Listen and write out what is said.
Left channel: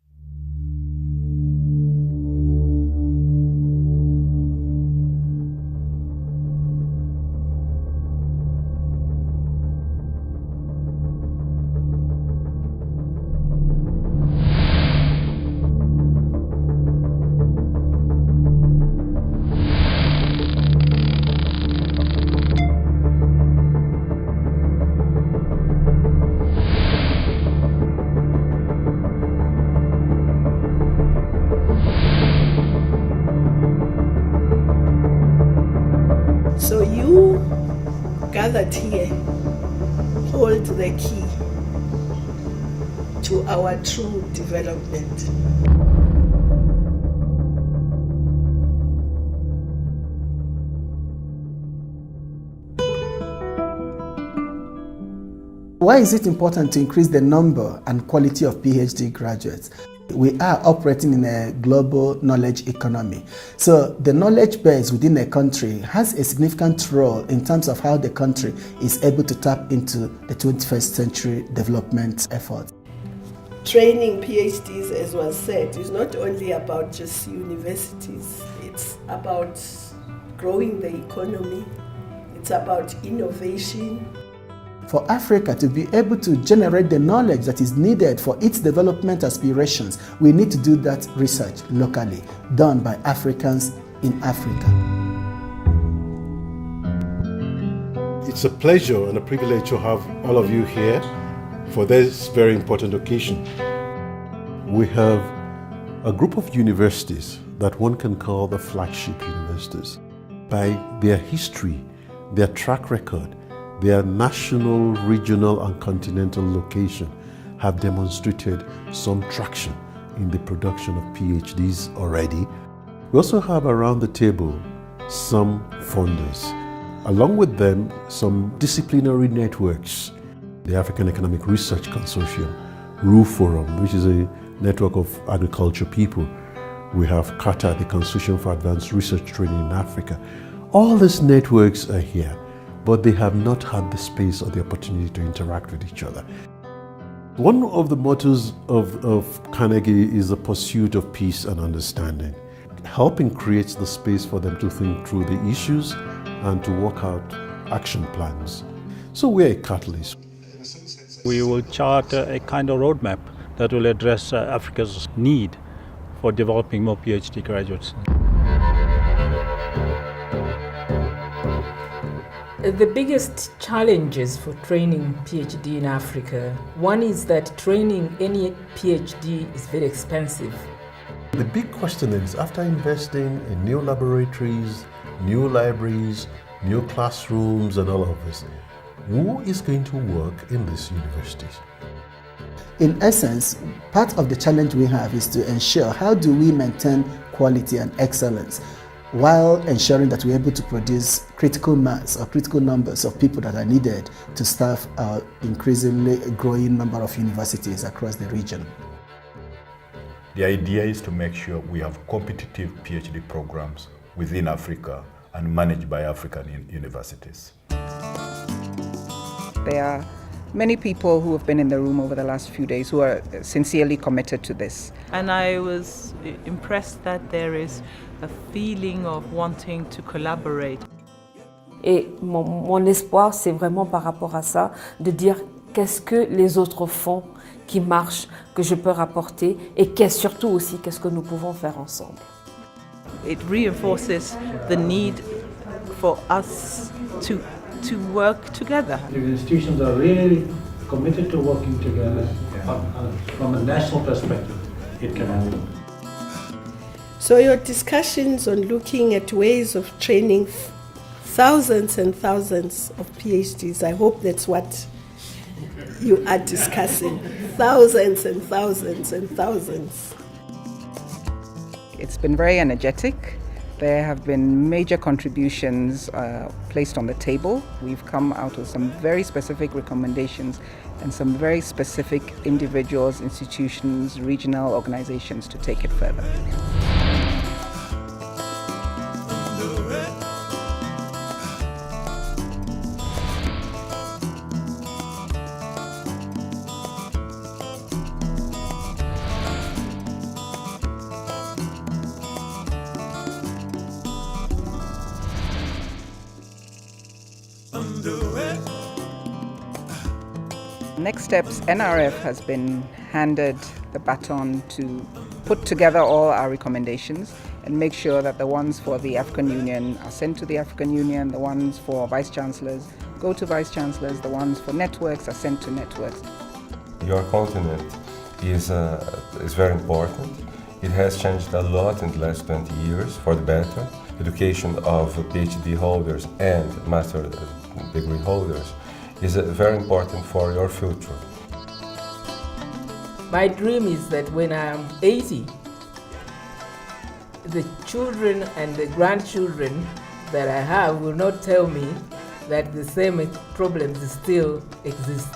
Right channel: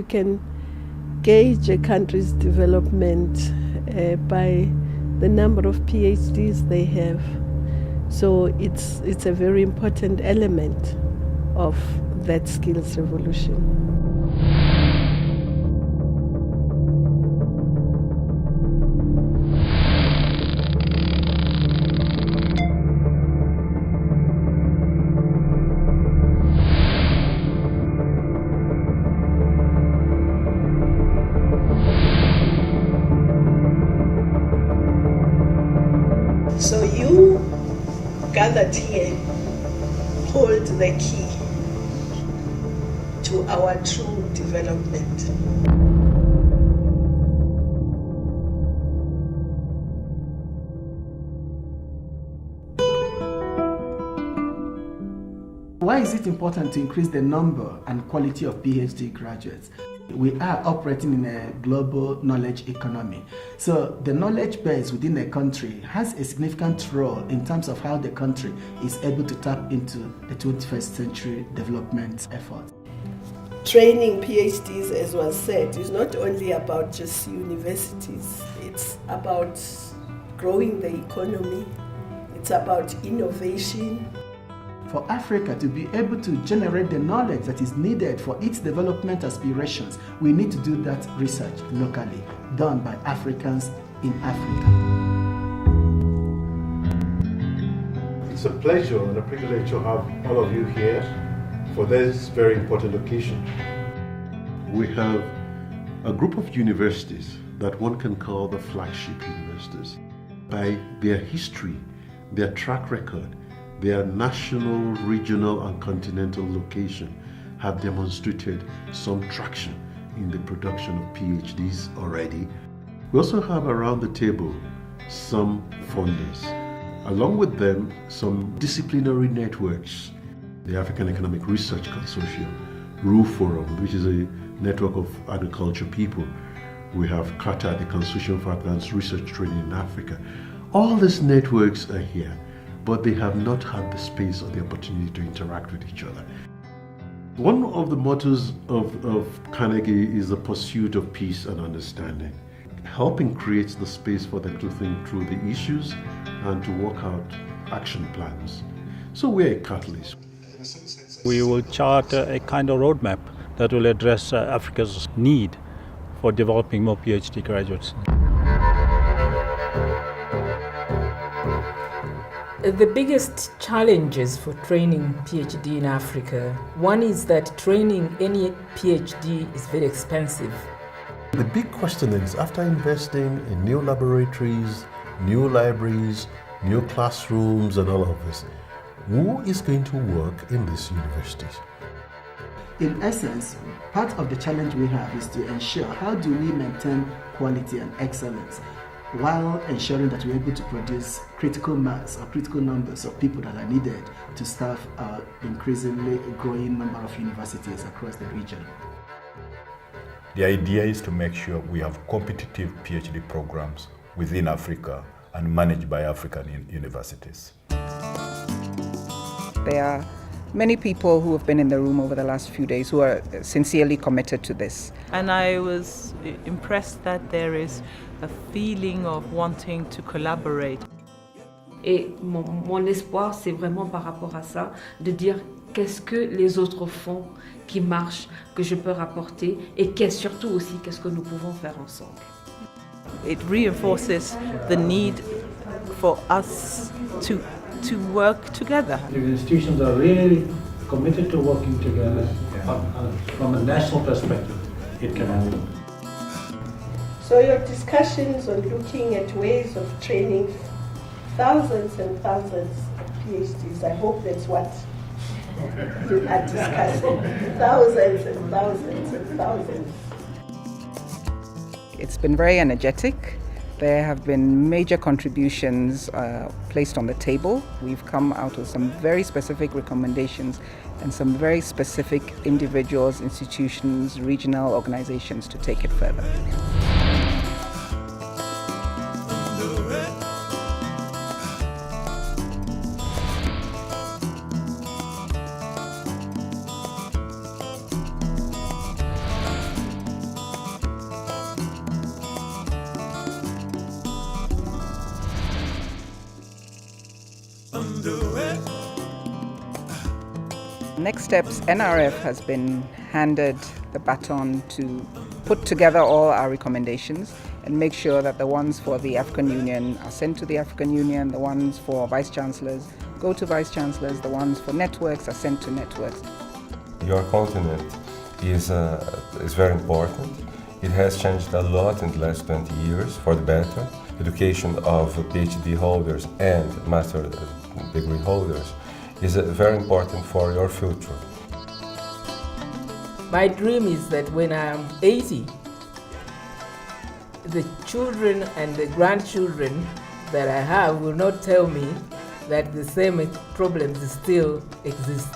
You can gauge a country's development by the number of PhDs they have. So it's a very important element of that skills revolution. So you gathered here hold the key to our true development. Why is it important to increase the number and quality of PhD graduates? We are operating in a global knowledge economy. So the knowledge base within a country has a significant role in terms of how the country is able to tap into the 21st century development effort. Training PhDs, as was said, is not only about just universities. It's about growing the economy. It's about innovation. For Africa to be able to generate the knowledge that is needed for its development aspirations, we need to do that research locally, done by Africans in Africa. It's a pleasure and a privilege to have all of you here for this very important occasion. We have a group of universities that one can call the flagship universities. By their history, their track record, their national, regional, and continental location have demonstrated some traction in the production of PhDs already. We also have around the table some funders. Along with them, some disciplinary networks. The African Economic Research Consortium, RU Forum, which is a network of agriculture people. We have CATA, the Consortium for Advanced Research Training in Africa. All these networks are here, but they have not had the space or the opportunity to interact with each other. One of the mottos of Carnegie is the pursuit of peace and understanding. Helping create the space for them to think through the issues and to work out action plans. So we're a catalyst. We will chart a kind of roadmap that will address Africa's need for developing more PhD graduates. The biggest challenges for training PhD in Africa, one is that training any PhD is very expensive. The big question is, after investing in new laboratories, new libraries, new classrooms and all of this, who is going to work in these universities? In essence, part of the challenge we have is to ensure how do we maintain quality and excellence while ensuring that we're able to produce critical mass or critical numbers of people that are needed to staff our increasingly growing number of universities across the region. The idea is to make sure we have competitive PhD programs within Africa and managed by African universities. There are many people who have been in the room over the last few days who are sincerely committed to this. And I was impressed that there is a feeling of wanting to collaborate. Et mon espoir, c'est vraiment par rapport à ça, de dire qu'est-ce que les autres font qui marche, que je peux rapporter, et surtout aussi qu'est-ce que nous pouvons faire ensemble. It reinforces the need for us to work together. The institutions are really committed to working together from a national perspective. It can happen. So your discussions on looking at ways of training thousands and thousands of PhDs, I hope that's what you are discussing. Thousands and thousands and thousands. It's been very energetic. There have been major contributions placed on the table. We've come out with some very specific recommendations and some very specific individuals, institutions, regional organizations to take it further. Next steps, NRF has been handed the baton to put together all our recommendations and make sure that the ones for the African Union are sent to the African Union, the ones for vice chancellors go to vice chancellors, the ones for networks are sent to networks. Your continent is very important. It has changed a lot in the last 20 years for the better. Education of PhD holders and master degree holders is very important for your future. My dream is that when I'm 80, the children and the grandchildren that I have will not tell me that the same problems still exist.